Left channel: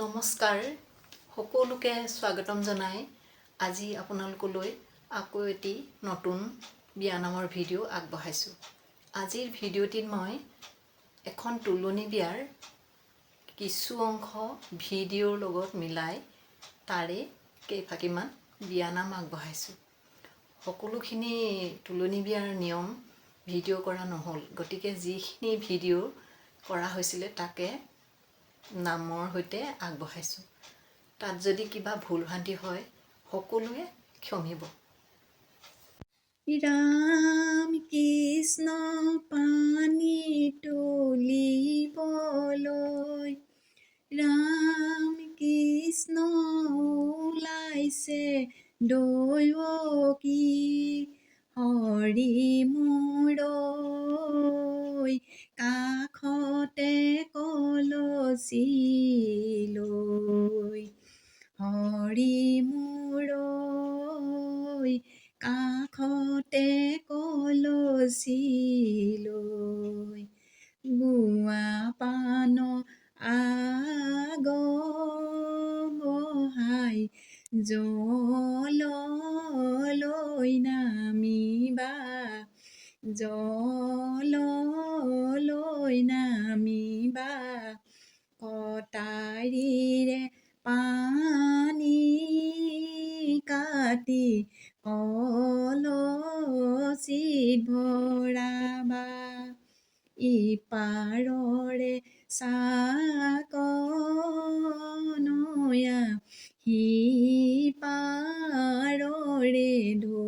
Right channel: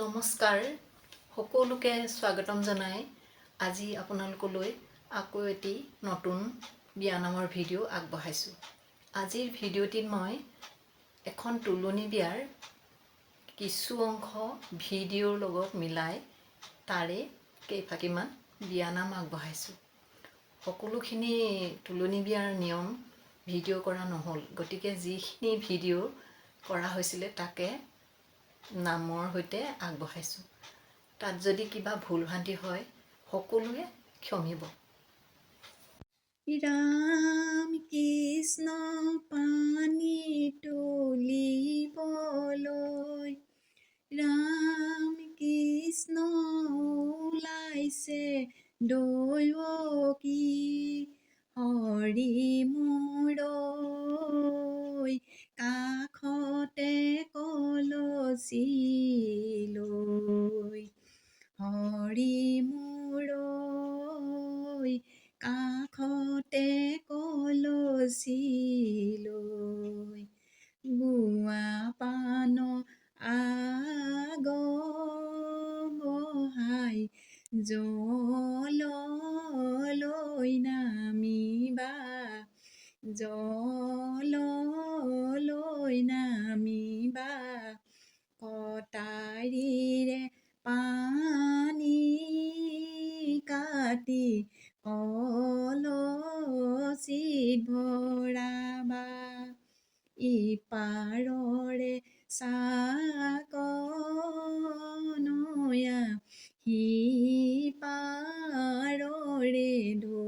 নমস্কাৰ সকলোকে স্বাগতম জনাই আজি আপোনালোকলৈ আকৌ এটি নতুন বিয়ানামৰ ভিডিঅ' আগবঢ়াইছোঁ। আজিৰ ভিডিঅ'টিত মই এখন তুলনি বিয়াৰ কিছু অংশ ভিডিঅ'ৰ লগত মিলাই তাৰে কেইফাঁকিমান বিয়ানাম আগবঢ়াইছোঁ। সকলোখিনি তুলনি বিয়াৰ নিয়ম ভিডিঅ' কৰা নহ'ল, গতিকে যিখিনি ভিডিঅ' কৰা হৈছিলে তাকে নামৰ সৈতে আগবঢ়াইছোঁ। তাত যদি কিবা ভুল ভ্ৰান্তি হয় সকলোৱে ক্ষমিব। ৰাম কৃষ্ণ পানী তুলিবলৈ, ৰাম কৃষ্ণ ওলাইছে দৈৱকী, হৰি মূৰৈ কাষতে কলচি লৈ, হৰি মূৰৈ কাষতে কলচি লৈ, গুৱা পাণ আগবঢ়াই জললৈ নামিবা, জললৈ নামিবা, কটাৰীৰে পানী কাটি কলচীত ভৰাবা, ইপাৰৰে চাকনৈয়া সিপাৰৰে ঢৌ,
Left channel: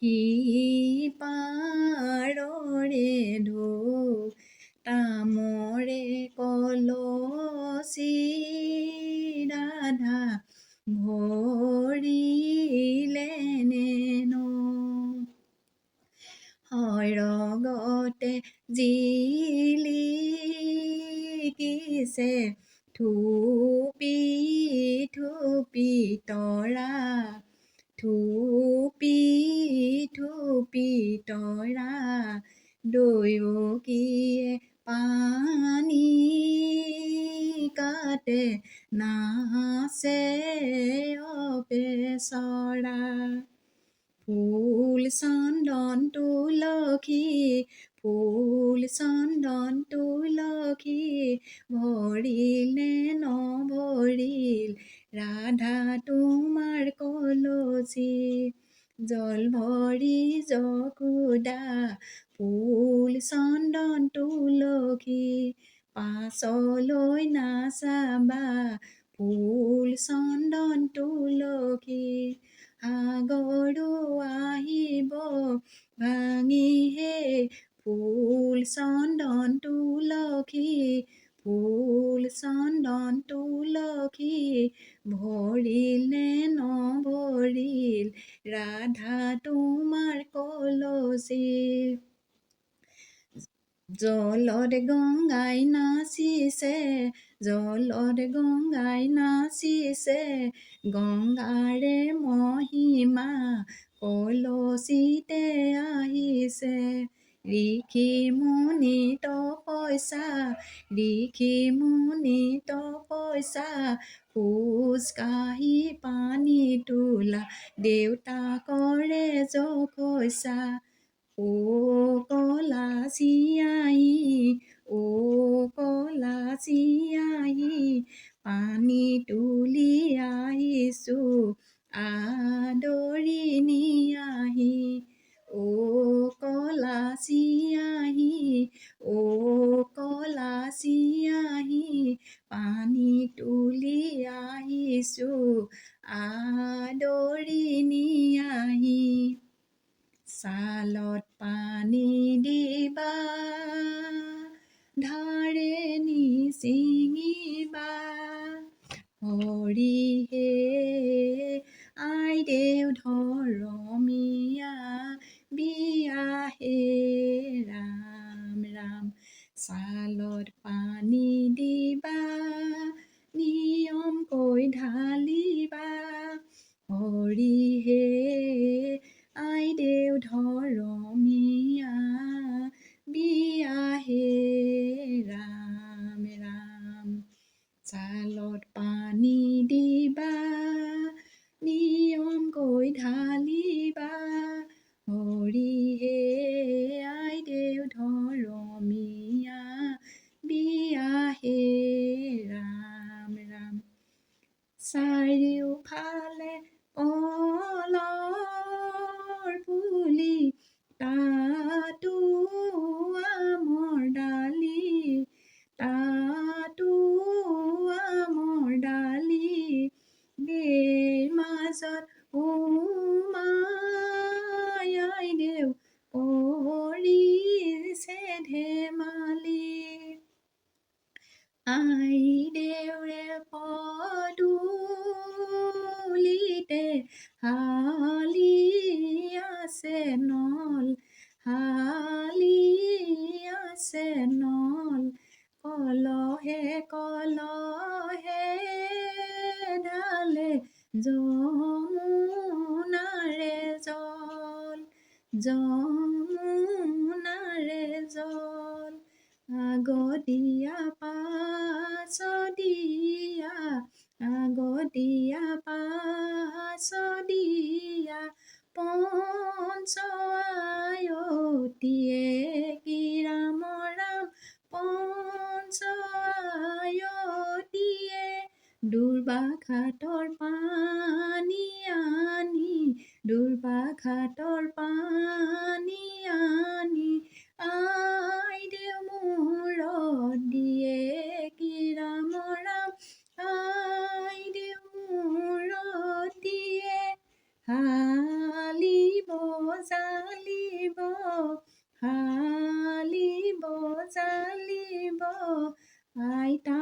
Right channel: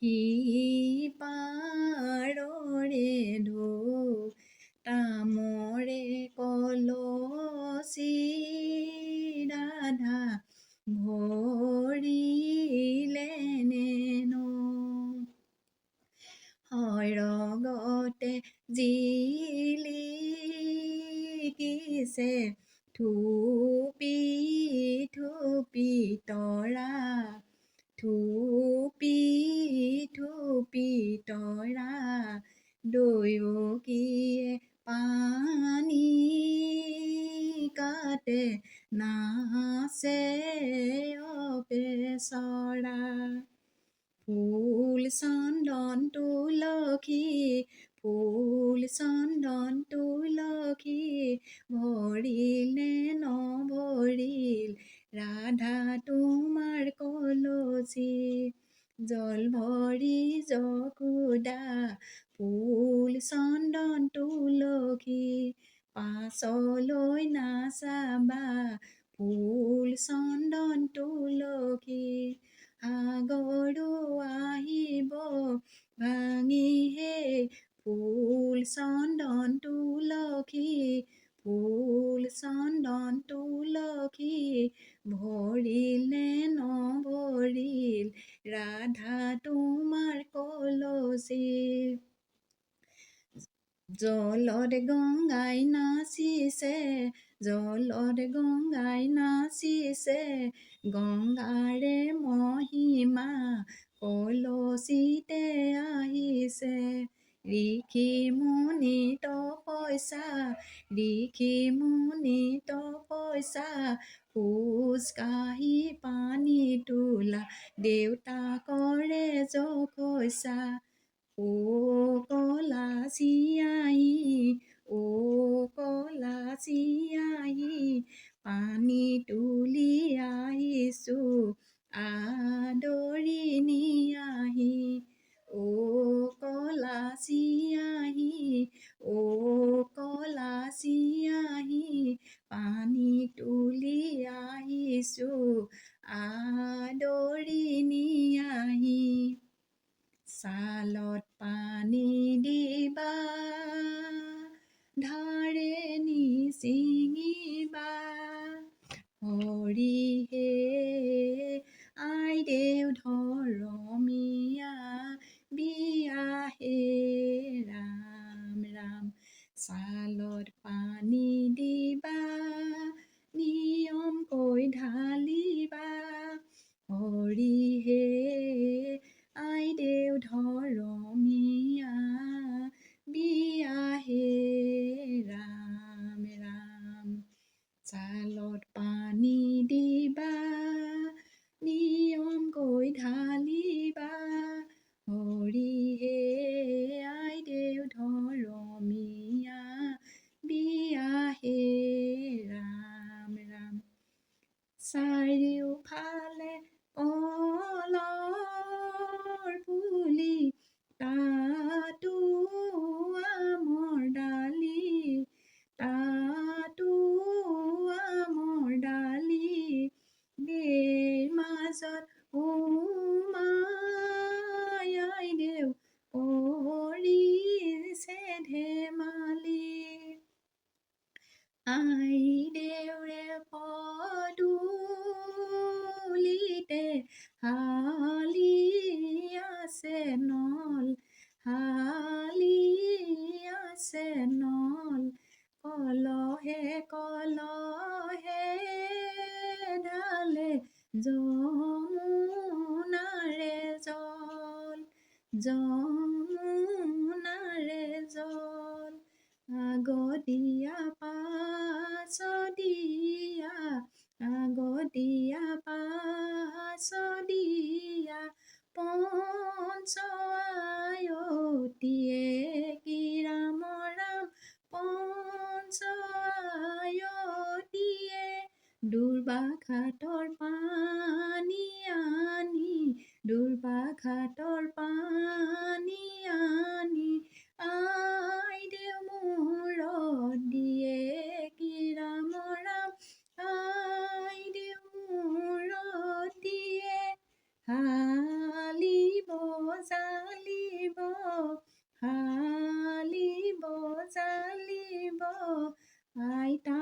সিপাৰৰে ঢৌ, তামৰে কলচি ৰাধা ভৰিলে নেনো, সৰগতে জিলিকিছে থুপি থুপি তৰা, থুপি থুপি তৰা, দৈৱকীয়ে পানী কাটে নাচে অপেচৰা, ফুল চন্দন তুলসী, ফুল চন্দন তুলসী, ভৰিল নে নভৰিল ৰাধা তোমাৰ কলচি, জল ভৰি যশোদা, ফুল চন্দন তুলসী, পাছলৈ নাচাবা, ফুল চন্দন তুলসী, সাগৰো আহিব ভাঙিহে, ফুল চন্দন তুলসী, ফুল চন্দন তুলসী, ভৰিল নে নভৰিল ৰাধা তোমাৰ কলচি, জলত গংগাই নাচিছে, জলত গংগাই নাচিছে, গংগাৰে মহিমা কলচিতে আহিছে, ঋষি মুনি তপস্যা, ঋষি মুনি তপস্যা, খোজ কাঢ়ি পানী তোলা দেউতাকৰে যশস্যা, ও কলাচি আহি, ও কলাচি আহি, পানী তুলি আহিছো আদৰি নিয়াহি, ও কলাচি আহি, ও কলাচি আহি, পানী তুলি আহিছো আদৰি নিয়াহি, ছালত পানী দিবা ধাৰে নিচি চালত পানী দিবা নিয়মকৈ ঢালিবা হৰিহে আইদেউ ধৰমীয়া বিয়া হে ৰাম ৰাম চাৰিওফালে কলৰ পুলি তাতো আমৰ ডালি তাতো আমৰ ডালি দেৰ মাজত উমাই আইদেউ কৰিছে ধেমালি আইদেউৰে পদূলিতে হালি আছে নল হালি আছে নল কলহে কলহে ঢালে যমুনাৰে জল যমুনাৰে জল আগদিয়া পাছদিয়া আগদিয়া পাছদিয়া পঞ্চআয়তীয়ে কি ৰাম ৰাম পঞ্চআয়তীয়ে দুৰ্বাঘাটৰ পানী আনি দুৰ্বাঘাটৰ পানী আনি আইদেউ মূৰত দিয়ে কি ৰাম ৰাম আইদেউ মূৰত দিয়ে হালিব জালিব হালিব জালিব আইতা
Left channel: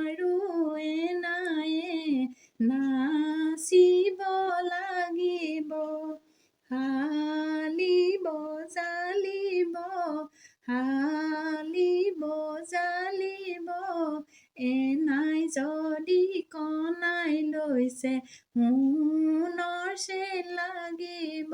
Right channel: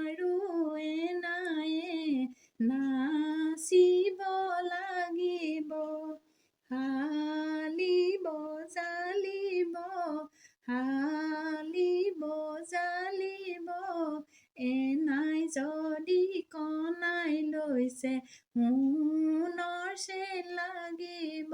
আৰু এনায়ে নাচিব লাগিব হালিব জালিব হালিব জালিব এনাই যদি কনাই লৈছে সোণৰ চেন লাগিব